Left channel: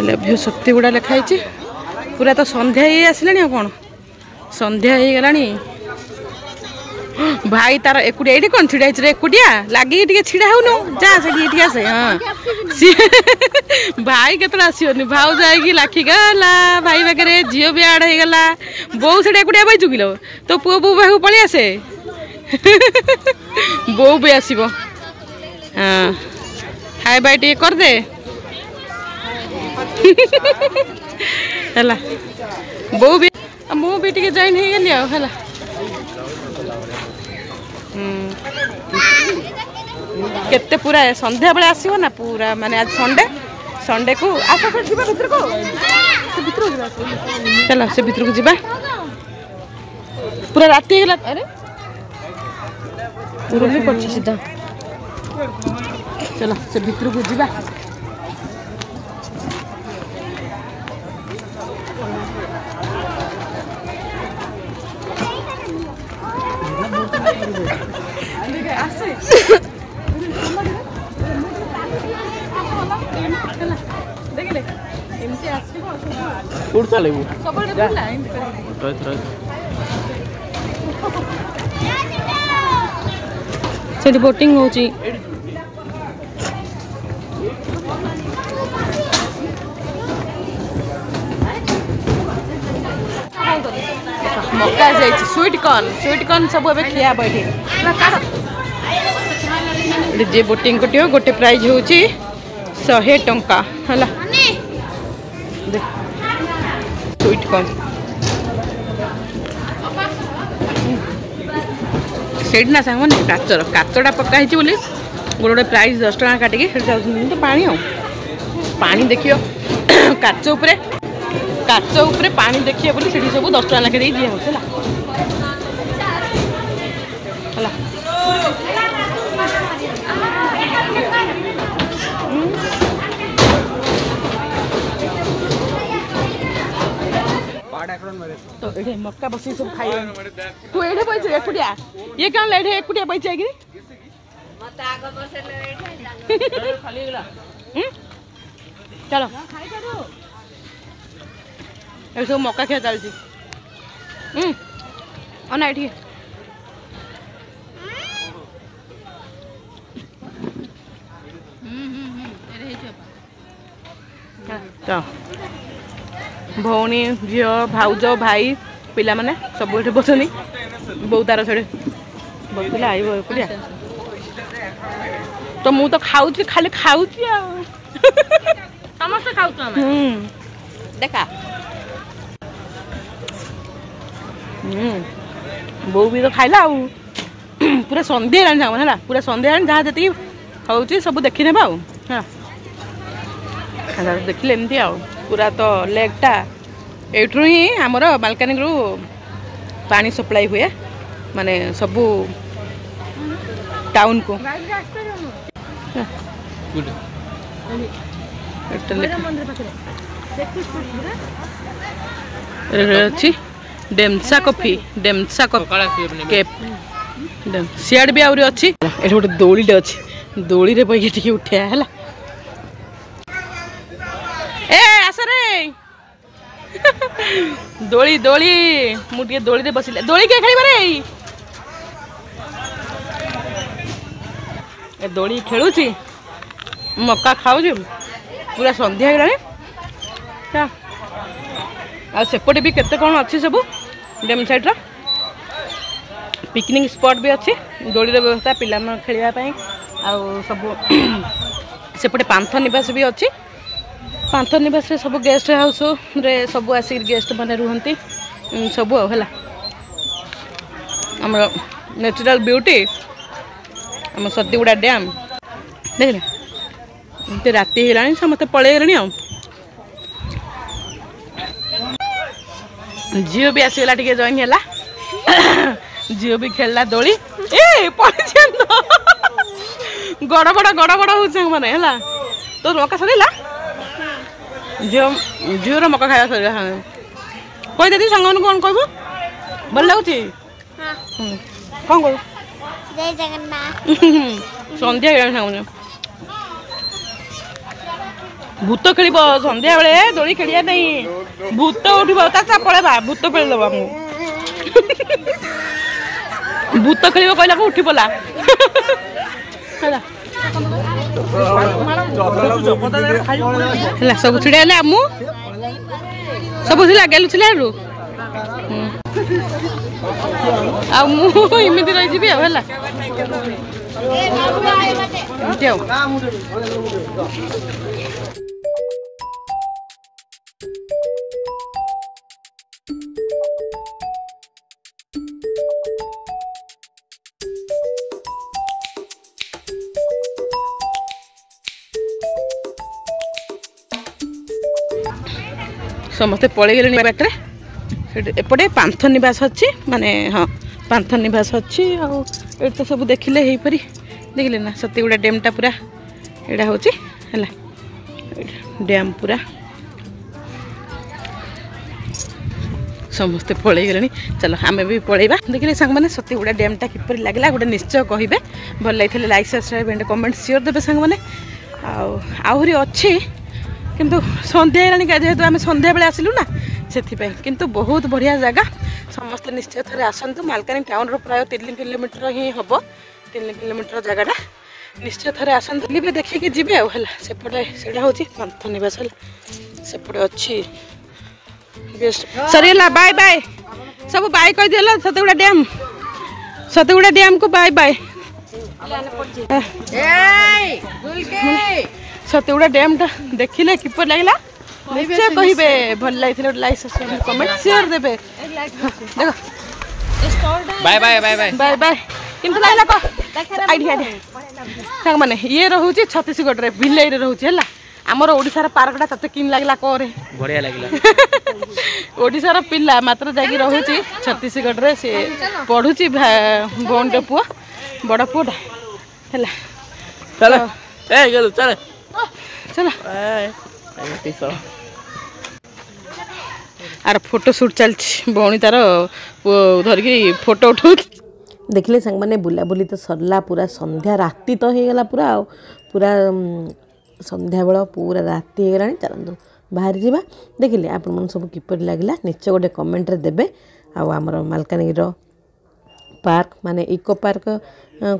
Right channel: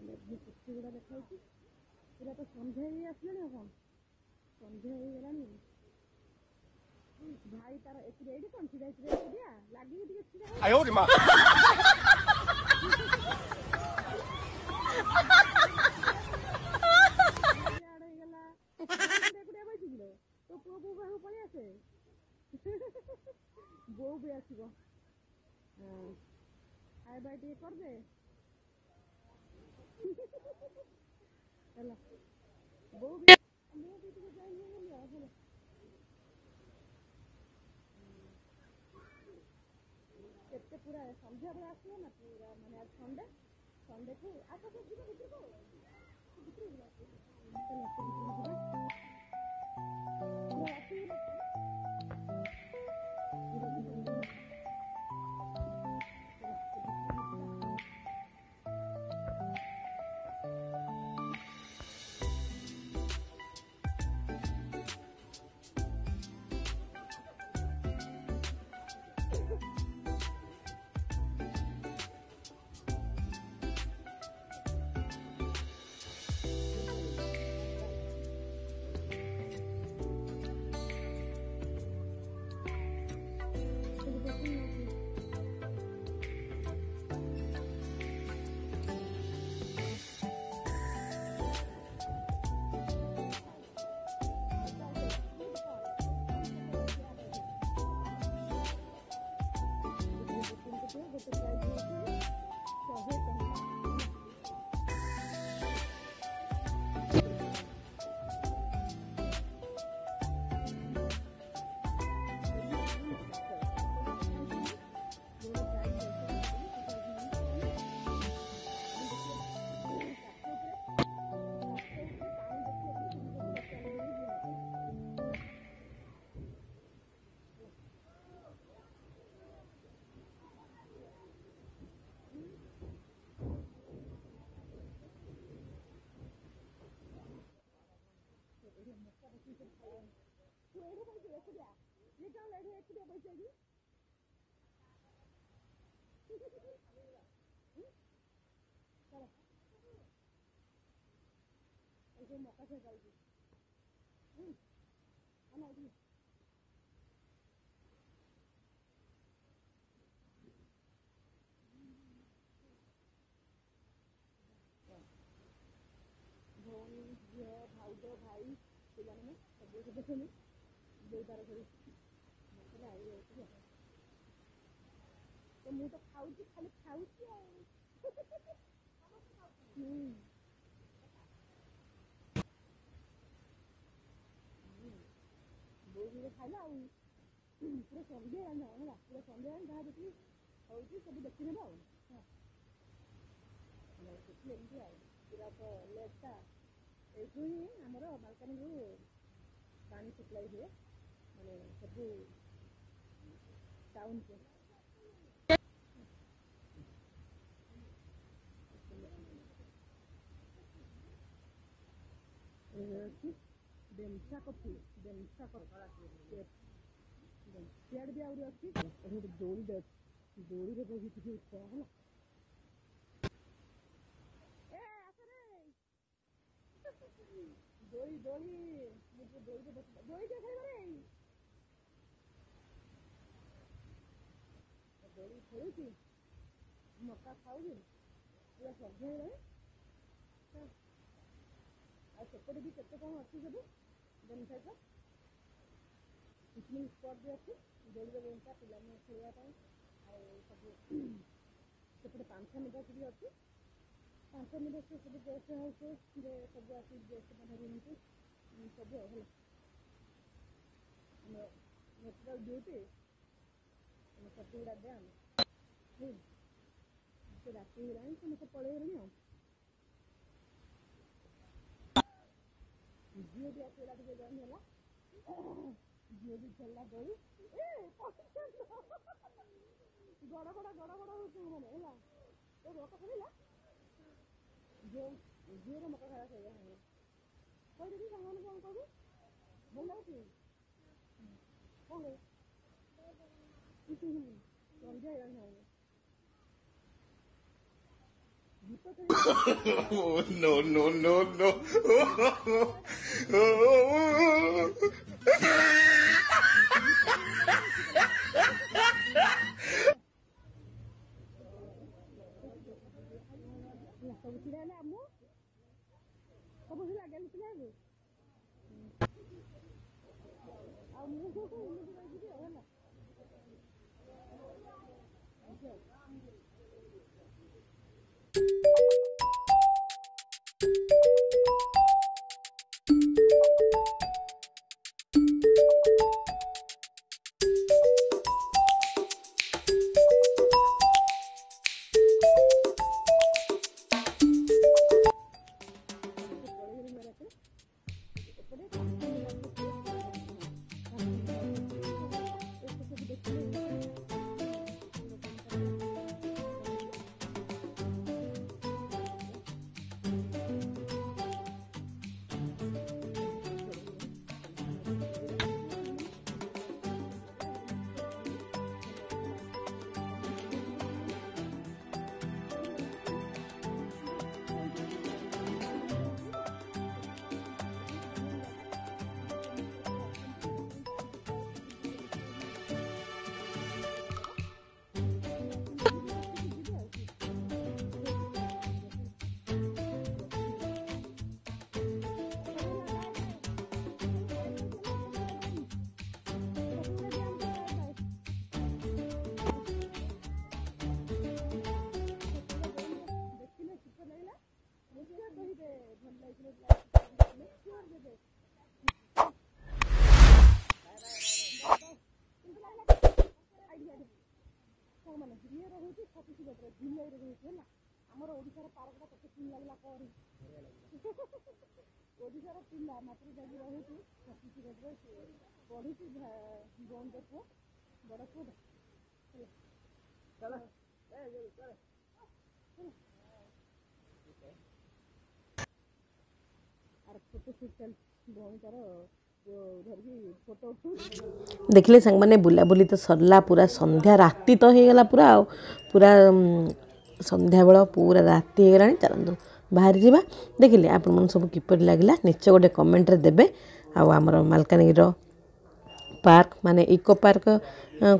लभ्य शक्ति गुड़ा लिखाई पूरा तो संध्या ही आसला कौन संध्या हो गलानी भाई तार एकुटिया ये कौन छिड़ा एकुटिया लगे छिड़ा हो जा से हाँ सी भाई केत आसोनी भाव जाकि लाखिगला भाई पाखे झील भी आड़ हो गला बो से एकुटिया बै चुकिल तो पुओ बो पाख पलि आसे बो भी आसब हाँ हाय बाय टे कर दे बो भी मुझे टे जॉइन हो गली है केते पूरा संध्या बेले आसो ना पूरा माने आज संडे संडे को भीतर को चलो से भीतर को जीवा पूरा राति गला अरे पूरा भी पड़ सीधा चलो से भीतर को जीवा से बोटिंग हो मक्का जाइए स्वीट कॉर्न सब एबे खिया बैठे जे बोटिंग कटियो गोटे प्राइज होची 100 टंका हला स्वीट कॉर्न सेठ ना सांग मैंने काचटा पका गोटे गोटे प्राइज 10 टका काटिकी तो पानी देखियो काच उपरे पानी देखिए बोली सेठी सब 10 टका लेखे दिया होता तो ये मक्का बसी सब खाई तू एठे बैठ एकुटिया ये कौन लेठे एकुटिया बैठ जाएगी चलो ये सब मक्का खिया चलती अना ये भौणी झी भाउज भाई पिला माने सब ये बसनी बो तार से बसला आइया तो मु तो खाऊ खाली खाऊ समस्त खाऊ देखा बो भी तो खाइला पूरा संध्या है पूरा संध्या जहाँ जी हूँ सब देखी ने देखिले एमती पूरा तो लेकटा एठू ही आमर बालकनी रु पानी सप्लाई हुए माने सबू टाउन को अच्छी डेमसा कॉफी केप सियाड़ भी आउरी अच्छी एठ गोटे दौड़ीटे अच्छी दौड़ी रे बैठे टिके उठिया है ए आस रे दोली दोली मुझे दोली रे बसिले दोली के खेली रे ए दोली खेलुची मक्का खाऊची पूरा संध्या गलानी आ सेपटे भी केते कौन अच्छी सब डेम साइड पिकनिक स्पॉट भी अच्छी दोली रे व्यवस्था पिला खेलिया पई आ सब सेपटे पांथ निवास भी अच्छी पांथ निवास रे सब गेस्ट हाउस रे सब आसिक गेस्ट माने रुहंती सब है आम नेचुरल ब्यूटी आम सतीगुड़ा डैम देख राति है समस्त पलैगले झील भी आसगला टे जॉइन है झील भी खेलला दोली ए गड़बड़ हो मैंने है तो मक्का सरीला झील मक्का खाया सर कही दीदी सांग कौन कह भल लगुच कौन कह संध्या सांग भूत खेल सन्ध्या बेले दोली खेलिया नहीं भूत उठब पड़ेगा भूत खेल दबा भूत खेल कहला उठी पला सब छिड़ा आमु सब गेलु छिला इमिति रही समस्ते पलैगले बाटे एपटे पांथ निवास अच्छी माने हाँ पांथ निवास अच्छी ये तो सब देखिले हीपरी देखिले ना सतीगुड़ा डैमटा पूरा यहाँ हूँ डैम पूरा समस्ते पलैगले चलो आम भी पलैबा देखिले सांग मैंने सतीगुड़ा डैमटा किपर लगला गोटे निश्चय कहे भल लगे like subscribe and comment share देवे सांग मैंने आहरी अच्छी किंतु संध्या जेहेतु आम संध्या बेले आसिलु ना से किंतु बहुत बढ़िया जगह समस्ते निश्चय थे आसतु मालकानी टाउन प्राय 3 किलोमीटर ही हम 3 किलोमीटर जगह निश्चय थे आसतु भी देखिए जी सेपटे से हूँ पांथ निवास सेपटे अच्छी सरीगला बाय बाय सब बाय कह दिल सतगुड़ा डैम को बाय बाय सतगुड़ा डैम टा देखिले किपर लगला निश्चय कहिबे भल लाइथिले लाइक सब्सक्राइब कमेंट शेयर देबे देखो bye bye bye bye bye bye किंतु लागला को आइडिया संग माने ये रहउची छत्तीसगढ़ रे बिल्लै रे रहउची हला हमर ओडिसा रा पार्कटा तते किन लागला कोरे बढ़िया लागला ओडिसा रा पिल्ला मात्र जागी रहउची छत्तीसगढ़ रे से पढुची बोंडे पुआ बड़ पुआ हला चलो ए गेल चल चलो आर फोटो शूट चलछि भौणी तार धरिकी फोटो उठौ देखिले संग माने बुलाबुली तो सरला पूरा संध्या राति तो हो गला पूरा पूरा संध्या बेला पूरा राति हो गलानी चलंदु बाहर जीवा देखिले आपण मन सब किपर लागला निश्चय गोटे कमेंट रे देबे आमर मालकानगिरी पार्क माने इको पार्क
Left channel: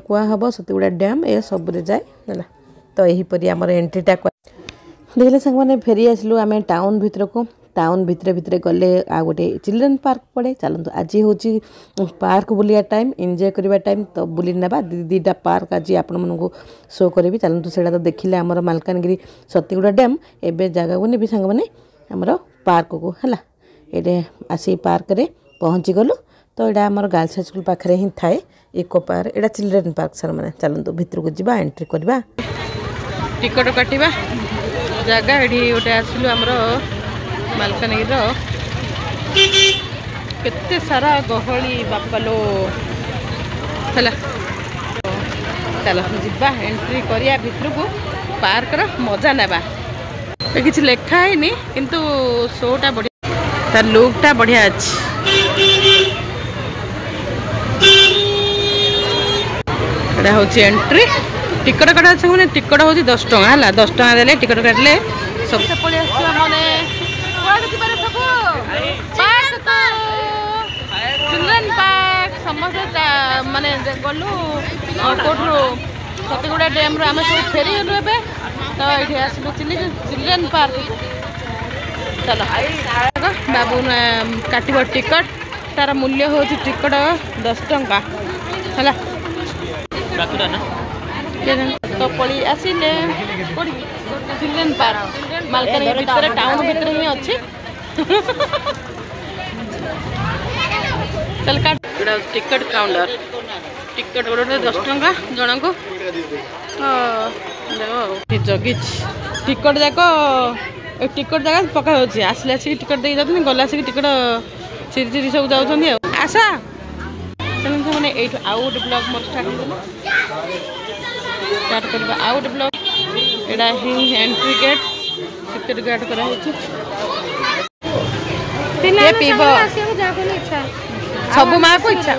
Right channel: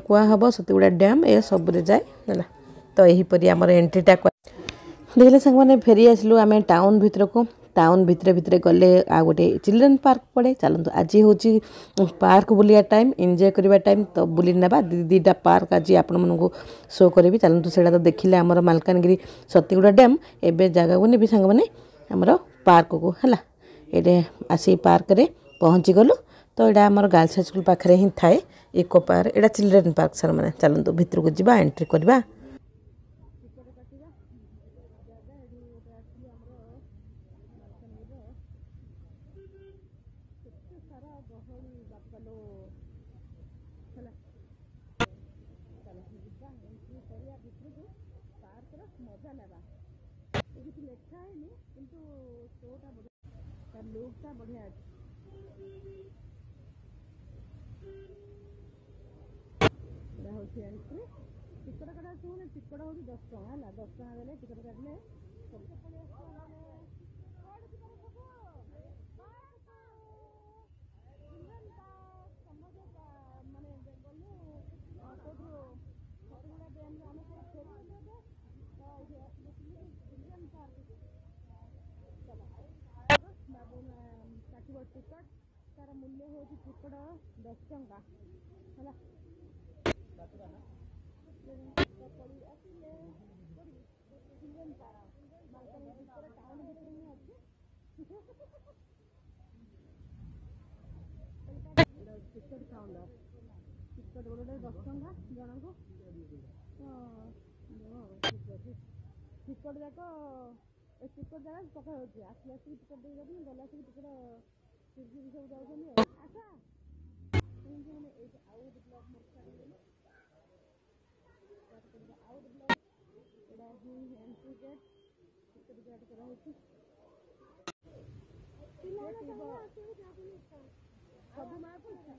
कुआ हबो सतीगुड़ा डैम ए सब रे जाए हला तो यहीपरी आमर एंट्रीटा देखिले संग मैंने फेरी आसलु आम टाउन भितर को टाउन भितर भितर गले आ गोटे चिल्ड्रेन पार्क पड़े चलतु आज हूँ पार्क बुलिया टाइम एंजॉय करवा टाइम तो बुली नेबा दीटा पार्क आज आपण मानू शो करी चलतु से तो देखिले आमर मालकानगिरी सतीगुड़ा डैम एवं जगह को नेबी सांग मैंने आमर पार्क को है ये आसी पार्क रे पहुँची गलु तो यहाँ आमर गर्ल्स हाई स्कूल पाखे ही थाए इको पार्क यहाँ चिल्ड्रेन पार्क सर मैंने चलतु भितर को जावा एंट्री करवा टिकट काटिबा जगह ये गोटे आसलु आमर मालकानगिरी केते सारा गहली बापालो है चलो जीवा एंट्री करिया भितर को पार्क रो मजा नेबा किसी लेखा है किंतु शोटा बढ़िया तार लुकटा बढ़िया अच्छी एटा हूँ एंट्री टिकट काटा मैंने टिकट हूँ 10 टଙ୍କା है 10 टଙ୍କା देले टिकट काटले सब पड़े चिल्ड्रेन पार्क समस्त माने गलु कोठरू सतीगुड़ा डैम आम सब फेरी गलु ए तो ये आसलु चिल्ड्रेन पार्क चलो बाबू काटब टिकट तार मूल्य हूँ टिकट 10 टଙ୍କା है तो पड़ी आसिले चिल्ड्रेन पार्क मालकानगिरी भितर टाउन भितर ही अच्छी चल काट टिकट काउंटर टिकट गोटे 10 टଙ୍କା जन को जगी टिकट जाक टिकट जगह पका आसिले आसिक टिकट दे जाते गला आसिक टिकट चिरी चिरी सब जाऊँगी आशा चलते मैंने ये आउ गोटे ब्लॉग मोर स्टार्ट करवा आउ गोटे ब्लॉग एटा ही एंट्री गेट सिक्योरिटी गार्ड करा पीब सब माँ को इच्छा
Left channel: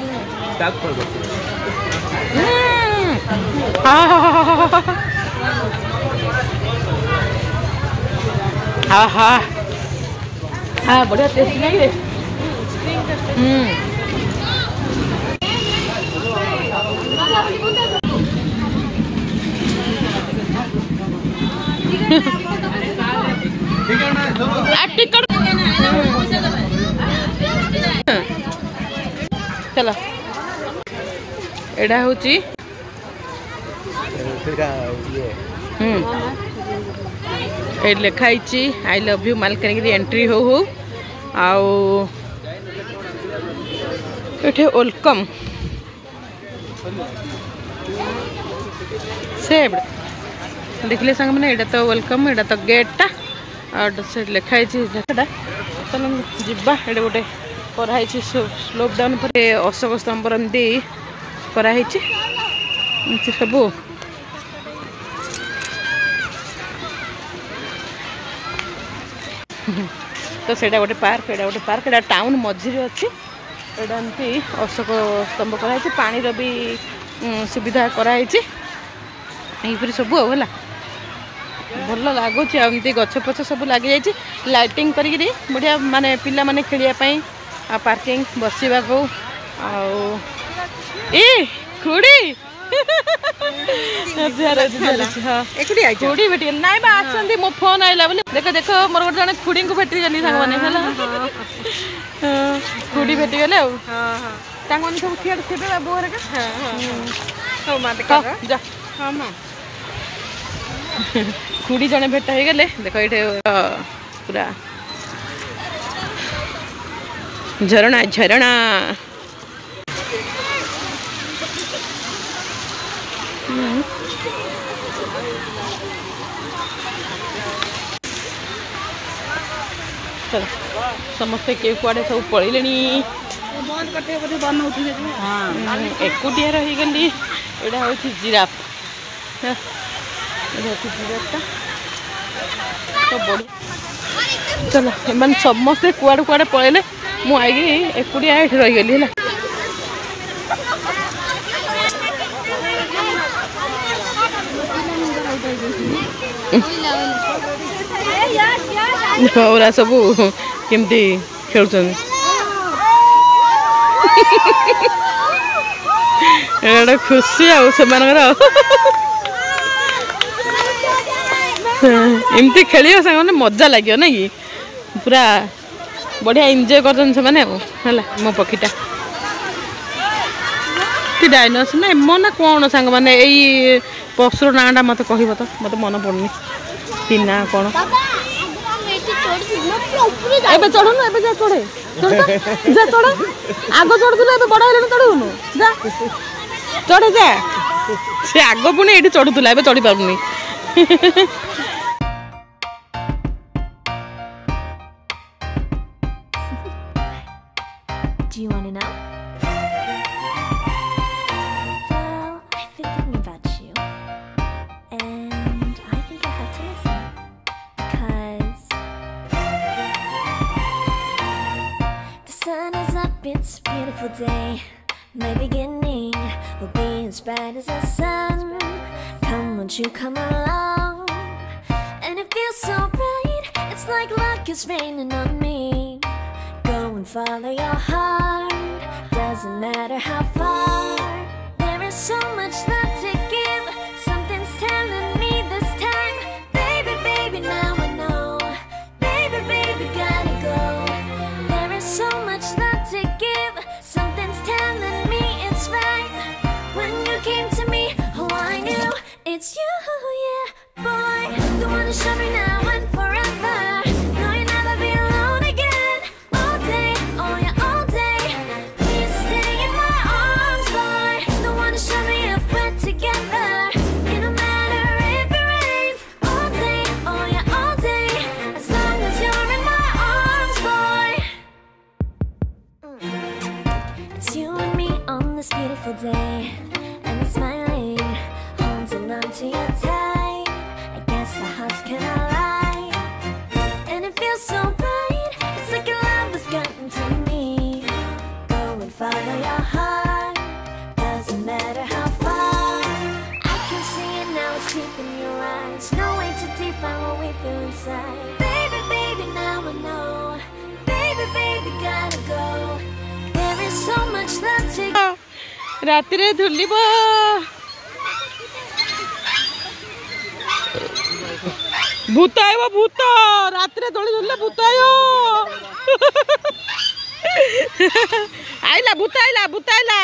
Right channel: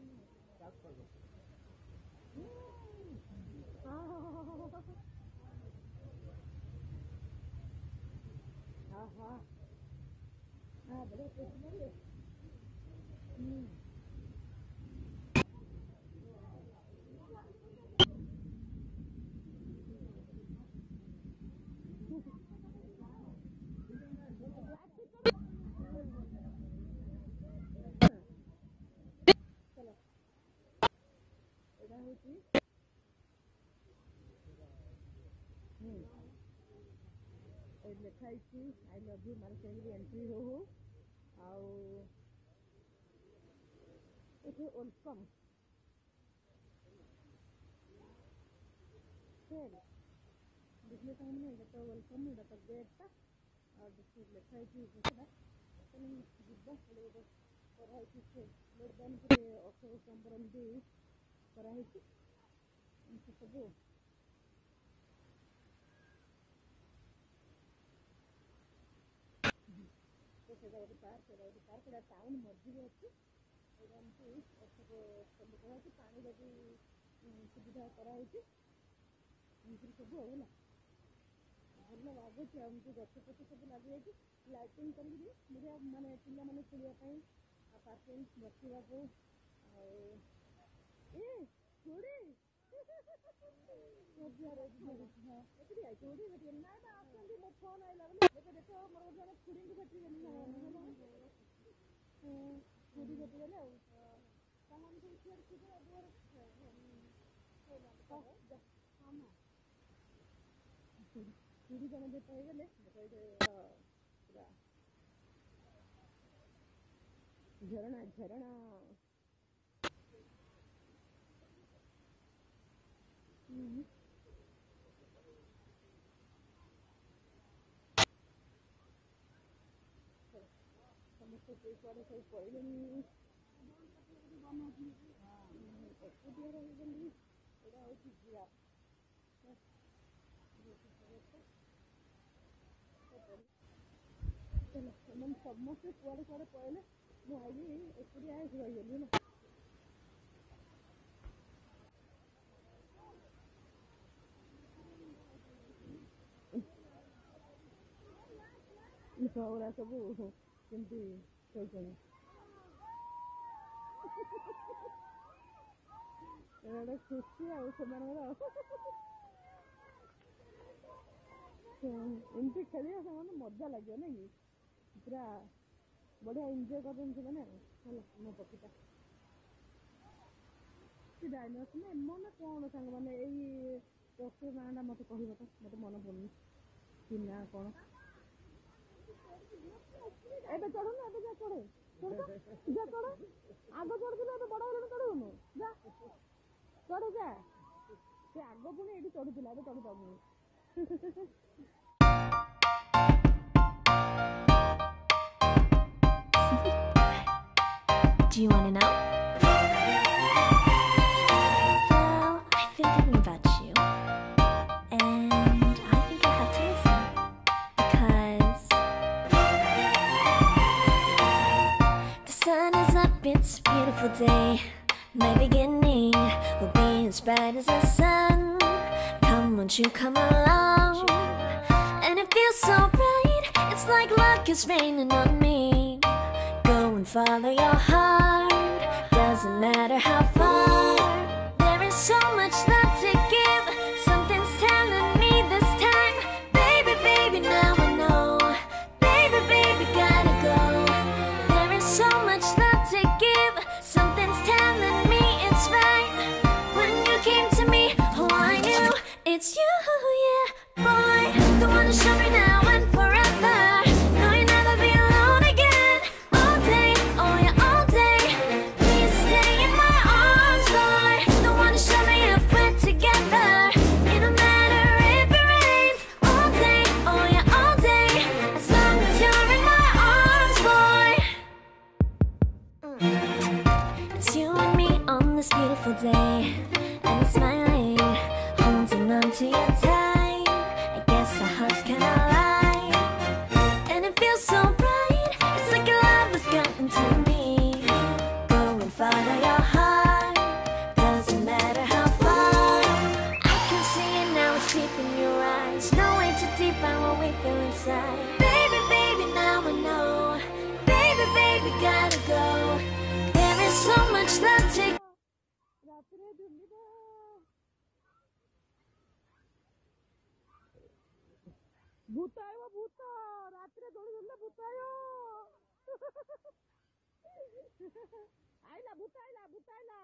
हाँ हाँ हाँ बढ़िया टेस्टी लगे। टिकट चलो एडा हूँ लिखाई I love you Malkangiri entry हो आठे वेलकम से देखले सांग मैंने एटा तो वेलकम एटा तो गेटा और से लिखाई जगटा चलो जीवा ये गोटे कराई स्लोप डाउन पर अशोक स्तंभ एमती कराई सब तो सेटा गोटे पार्क एटा गोटे पार्क एटा टाउन मझे अच्छी एटा एमती अशोक स्तंभ कराई पानी भी सुविधा कराई सब है भल लगुच एमती गछ पछ सब लगी जाइए लाइटिंग करी बढ़िया माने पिला माने खेलियापाई पार्किंग बसवा को खुड़ी खुड़ी भेटी ना आसती मो फोन आइला देख देख मोर गोटे जन खुड़ी को भेटी गली सांग मैंने खुड़ी भेटी गले सब थिएटर थे बाबू जा खुड़ी जने भेट हो गले देख ये पूरा झरणा झरणा चलो समस्ते के कुआड़े सब पड़े एकुटिया रही गली यहाँ हूँ जिराफ जिराफटा तो बढ़िया चलो एम समस्ते कुआड़े कुआड़े पड़े मुझे एकुटिया ये रही गली है ओरा सब केमती खेलुन खुशी आमती खेल सारे मजा लगे ना कि पूरा बढ़िया एंजॉय कर मो पक्षीटा डायनोसर ना एम ना कौन सांग मैंने यही पक्षुर नाटा मत कह तो मत मन पड़नी तीन ना कौन एबे चढ़ुनु एबे जा चढ़े जा चढ़ आग चढ़ुलु एबे बड़ हेलु चढ़ुनु जा चढ़े जा से आग पुणी ये चढ़ुला एबे चढ़ी पारुनी Do you want to know? Well, I've been thinking about you, and I think you'll have to listen, because the sun is up, it's a beautiful day. My beginning will be as bright as the sun. Come, won't you come along? And it feels so bright, it's like luck is raining on me. Go and follow your heart, doesn't matter how far. There is so much love to give, something's telling me this time. Baby, baby, now I know. Baby, baby, gotta go. There is so much love to give, something's telling me it's right. When you came to me, oh I knew it's you, yeah, boy. The one to show me now and forever. No, you'll never be alone again. All day, oh yeah, all day. Please stay in my arms, boy. The one to show me if we're together. It don't matter if it rains. All day, oh yeah, all day. As long as you're in my arms, boy. It's you and me on this beautiful day, and it's smiling, holding on to you tight. I guess our hearts can align, and it feels so bright. It's like your love has gotten to me. Go and follow your heart, doesn't matter how far. I can see it now, it's deep in your eyes. No way to define what we feel inside. Baby, ରାତିରେ ଝୁଲିବ ଭୂତ ଆଇବ ଭୂତ ରାତିରେ ଦୋଳି ଝୁଲିଲେ ଭୂତ ଆଇବ ଆଇଲା ଭୂତ ଆଇଲା ଭୂତ ଆଇଲା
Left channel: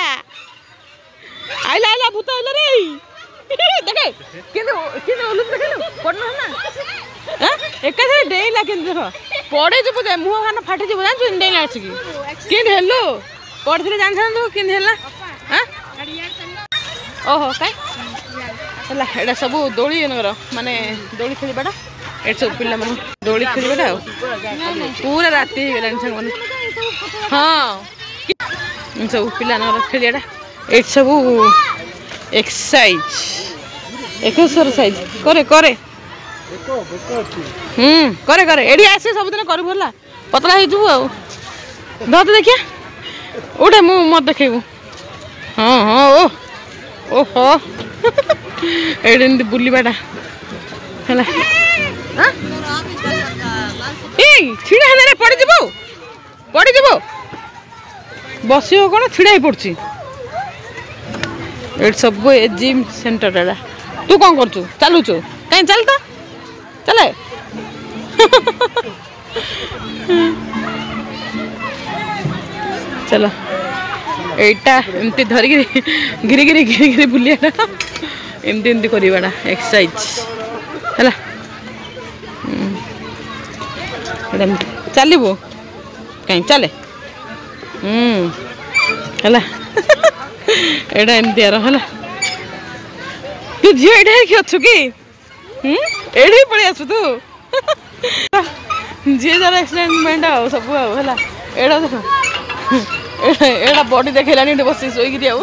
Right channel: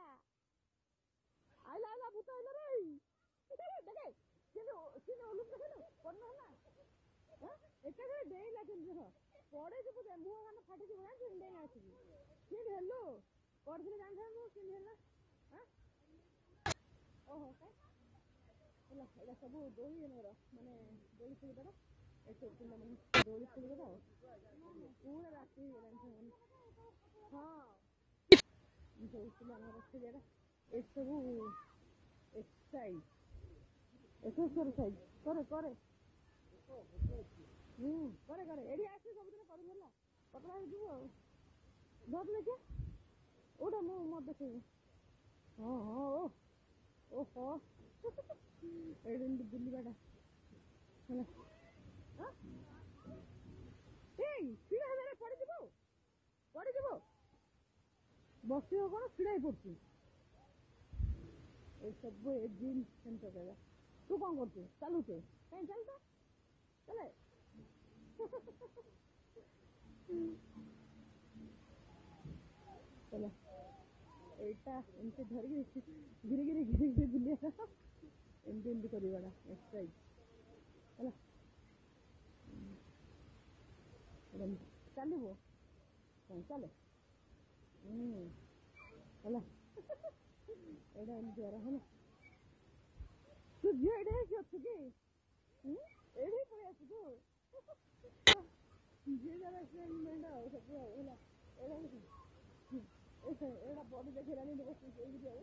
ଆଇଲା ଆଇଲା ଭୂତ ଆଇଲା ରେ ଦେଖେ କିନ୍ତୁ କିନ୍ତୁ ଓଲୁ ଦେଖିଲୁ ପଡନ ନା ଏକାଥରେ ଡେଇଁଲା କିନ୍ତୁ ଦେଖ ପଡେ ଯିବୁ ଯେ ମୁହଁ କାନ ଫାଟି ଯିବ ଜାଣିଛୁ ଡେଇଁଲା ଆସିକି କେମିତି ହେଲୁ ପଡିଥିଲେ ଜାଣିଥାନ୍ତୁ କେମିତି ହେଲା ଓହୋ କାଇଁ ହେଲା ଏଇଟା ସବୁ ଦୋଳି ମାନେ ଦୋଳି ଖେଳିବାଟା ଏଠି ସବୁ ପିଲାମାନେ ଦୋଳି ଖେଳିବାଟା ଆଉ ପୁରା ରାତି ହେଇଗଲାଣି ସାଙ୍ଗମାନେ ହଁ ସବୁ ପିଲାଙ୍କର ଖେଳିବାଟା ଏଠି ସବୁ ଏକ୍ସରସାଇଜ ଏକ୍ସରସାଇଜ କରେ କରେ କରେ କରେ ଏଠି ଆସି ସବୁଦିନ କରିବୁ ହେଲା ପତଳା ହେଇଯିବୁ ଆଉ ଧର ଦେଖିଆ ଉଠେ ମୁଁ ମତେ ଦେଖେଇବୁ ହଁ ହଁ ଓହୋ ଏଇଠି ଏମିତି ବୁଲିବାଟା ହେଲା ଏଇ ଛିଡ଼ା ହେଲେ ପଡ଼ିଯିବୁ ବସିବ କ'ଣ ଛିଡ଼ା ହେଇ ପଡୁଛି ଏଠି ସବୁ ଏ ଜିମ୍ ସେଣ୍ଟର ଏଟା ତୁ କ'ଣ କରୁଛୁ ଚାଲୁଛୁ କାହିଁ ଚାଲ ତ ଚାଲେ ଚାଲ ଏଇଟା ଏମିତି ଧରିକିରି ଘିରି ବୁଲିବାଟା ଏମିତି କରିବାଟା ଏକ୍ସରସାଇଜ ହେଲା ଏଇଟା ଏମିତି ଚାଲିବୁ କାହିଁ ଚାଲେ ହେଲା ଏଇଟା ଏମିତି ଆର ହେଲା ତୁ ଝିଅ ଏଇଟା ହେଇକି ଅଛୁ କି ଏଇଠି ପଳେଇ ଆସୁ ତୁ ଯିଏ ଯାର ଏକ୍ସପେରିମେଣ୍ଟ ଆଉ ସବୁ ଆଉ ହେଲା ଏଇଟା ଦେଖ ଏଇଟା ବଡି ଦେଖେଇଲାନି ଏଠି ବସି ଶୋଇକିରି ଆଉ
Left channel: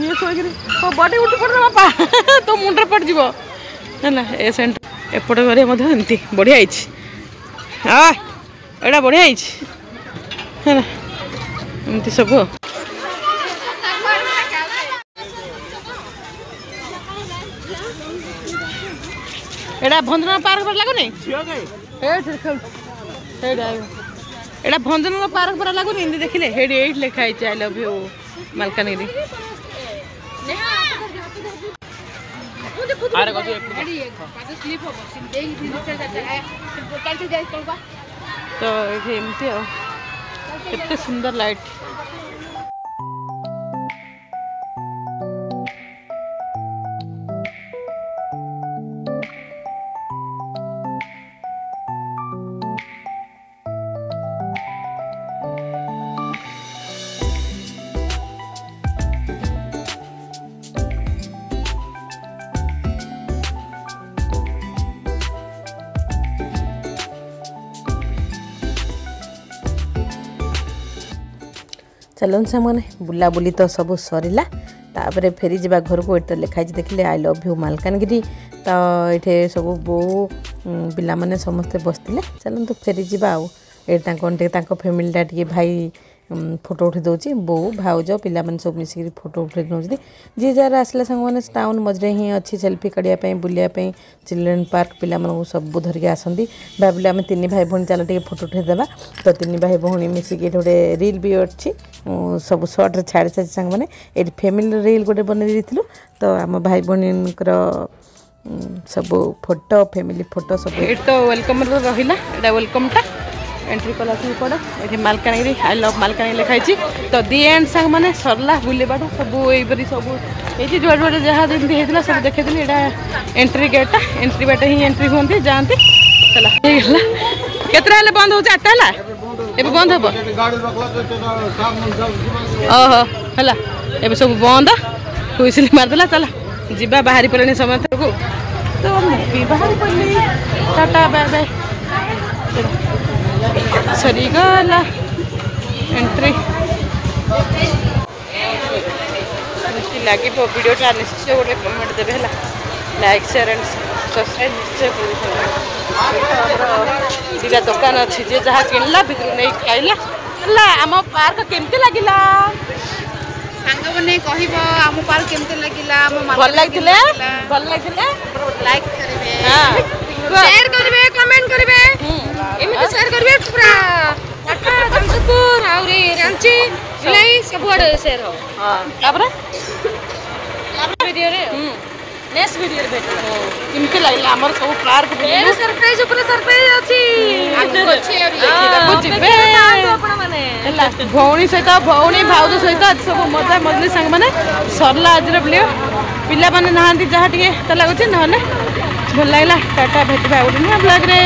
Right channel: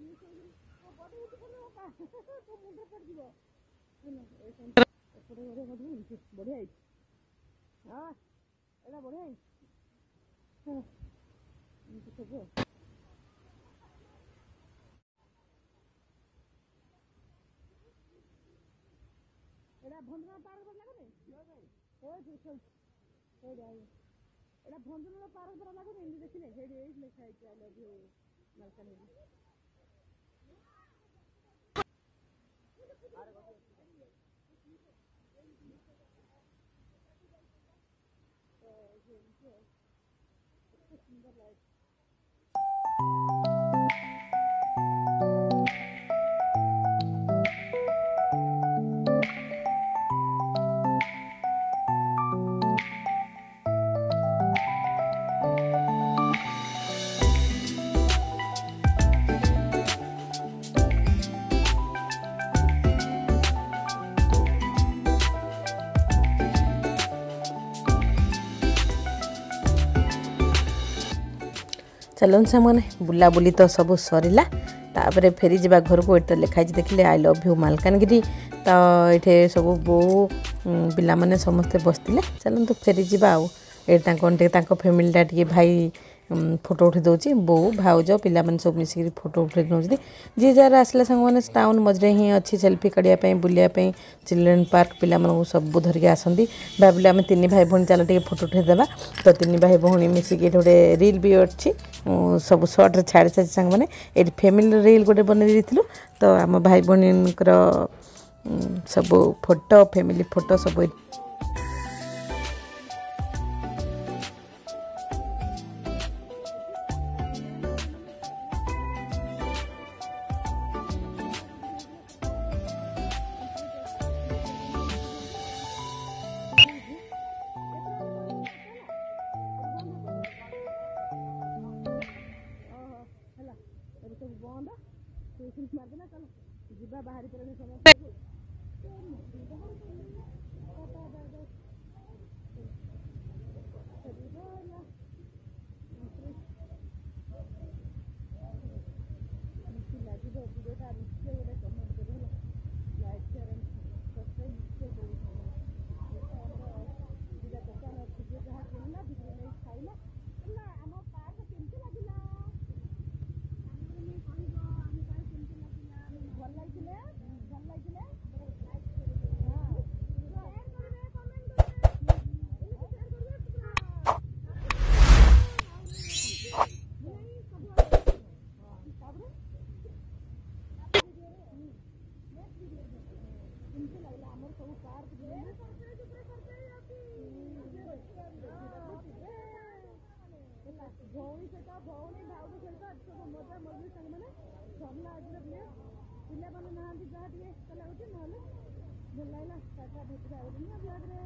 ଇଏ ଶୋଇକିରି ବଡି ଉଠି ପଡେ ବାପା ତୋ ମୁଣ୍ଡରେ ପଡିଯିବ ହେଲା ଏ ସେଣ୍ଟର ଏପଟେ ଘରେ ମଧ୍ୟ ଏମିତି ବଢ଼ିଆ ହେଇଛି ଏଇଟା ବଢ଼ିଆ ହେଇଛି ହେଲା ଏମିତି ସବୁ ଏଇଟା ଭଞ୍ଜନଗର ପାର୍କ ପରା ଲାଗୁନି ଏଇଟା ଭଞ୍ଜନଗର ପାର୍କ ପରା ଲାଗୁନି ଏମିତି ଦେଖିଲେ ହେଇଠି ଏଇଠି ଲେଖା ହେଇଛି ଆଇ ଲଭ୍ ୟୁ ମାଲକାନଗିରି ତ ଏଠି ଏମିତି ଆଉ କେତେ ସୁନ୍ଦର ଲାଇଟ୍ चलन सामने बुलाबुली तो सब सरला तापर फेरी जा घर को ये लिखाई देखिले आई लव यू मालकानगिरी तो ये सब बो पिला माने समस्ते बसते चलते फेरी जा फैमिलीटा टे भाई फोटो उठे दौर बो भाउज पिला माने सब मिसिक फोटो उठे नौ जी जार आसला सांग मैंने टाउन मझे ही अच्छी सेल्फी काढ़ापी बुलायापी चिल्ड्रेन पार्क पिला सब धरिक आसती भाविले आम तीन भाई भौणी चल टे फोटो उठेदेवा तो तीन भाई भौणी मिसिक गोटे रील भी अच्छी सब सर्ट्रे छाड़ी सारी सांग मैंने ये फैमिली रील गोटे बनई तो आम भाई भौणी सब फोटो फैमिली फोटो सब तो वेलकम रहा वेलकमटा एंट्री कला पड़ा ये मालकानगिरी आई लव मालकानगिरी लिखाई तो दी एंड सांग मैंने सरला बुलेबाटा सब यहीपरी सब ये जुआ जुआ जहाँ जमी होता सब देखी यहाँ एंट्री गेटा एंट्री बाट ही एंट्री हमें जाती चला केतरा बंद हो 8टा है बंद हम ओहो है ये सब बंद हुईसिल मारदेला चला जीवा बाहरी पड़े समस्ते को तो बाहरी पड़े टाटा बाय बाय सरीगला एंट्री लगे वीडियोटा निश्चय गोटे कमेंट देवे है लाइक शेयर एंड सब्सक्राइब निश्चय कर दुकान अच्छी जे जहाँ किणला भितर नहीं खाइला आम पार्क केमती लगिला सांग मैंने कह आम पार्क केमती लगिला भल लगे लाइक करेंगे शेयर करेंगे कमेंट करेंगे एमती शेयर करेंगे पूरा टाटा जमशेदपुर रांची नहीं सबुआडे शेयर हो हां तापर वीडियो रे नेक्स्ट वीडियो रे भेटला केमती लागला हमर सब पार्क ए सरप्राइज ऊपर सरप्राइज अछि आगु अछि अभी देखिबा जिबे आपण माने ହେଲା ଭଉଣୀ ସହିତ ଭଉଣୀ ଭାଉଜ ସହିତ ଆଜି ସବୁ ମଜା ମଜଲି ସାଙ୍ଗମାନେ ସରିଲା ଆଜିର ଭିଡ଼ିଓ ପିଲାମାନେ ନାହାନ୍ତି ଯାହା ଟିକେ ତ ଲାଗୁଛି ନହେଲେ ଭଲ ଲାଗିଲା ଟାଟା ଭେଟିବା ଆଉ ଗୋଟେ ନୂଆ ବ୍ଲଗ୍ରେ।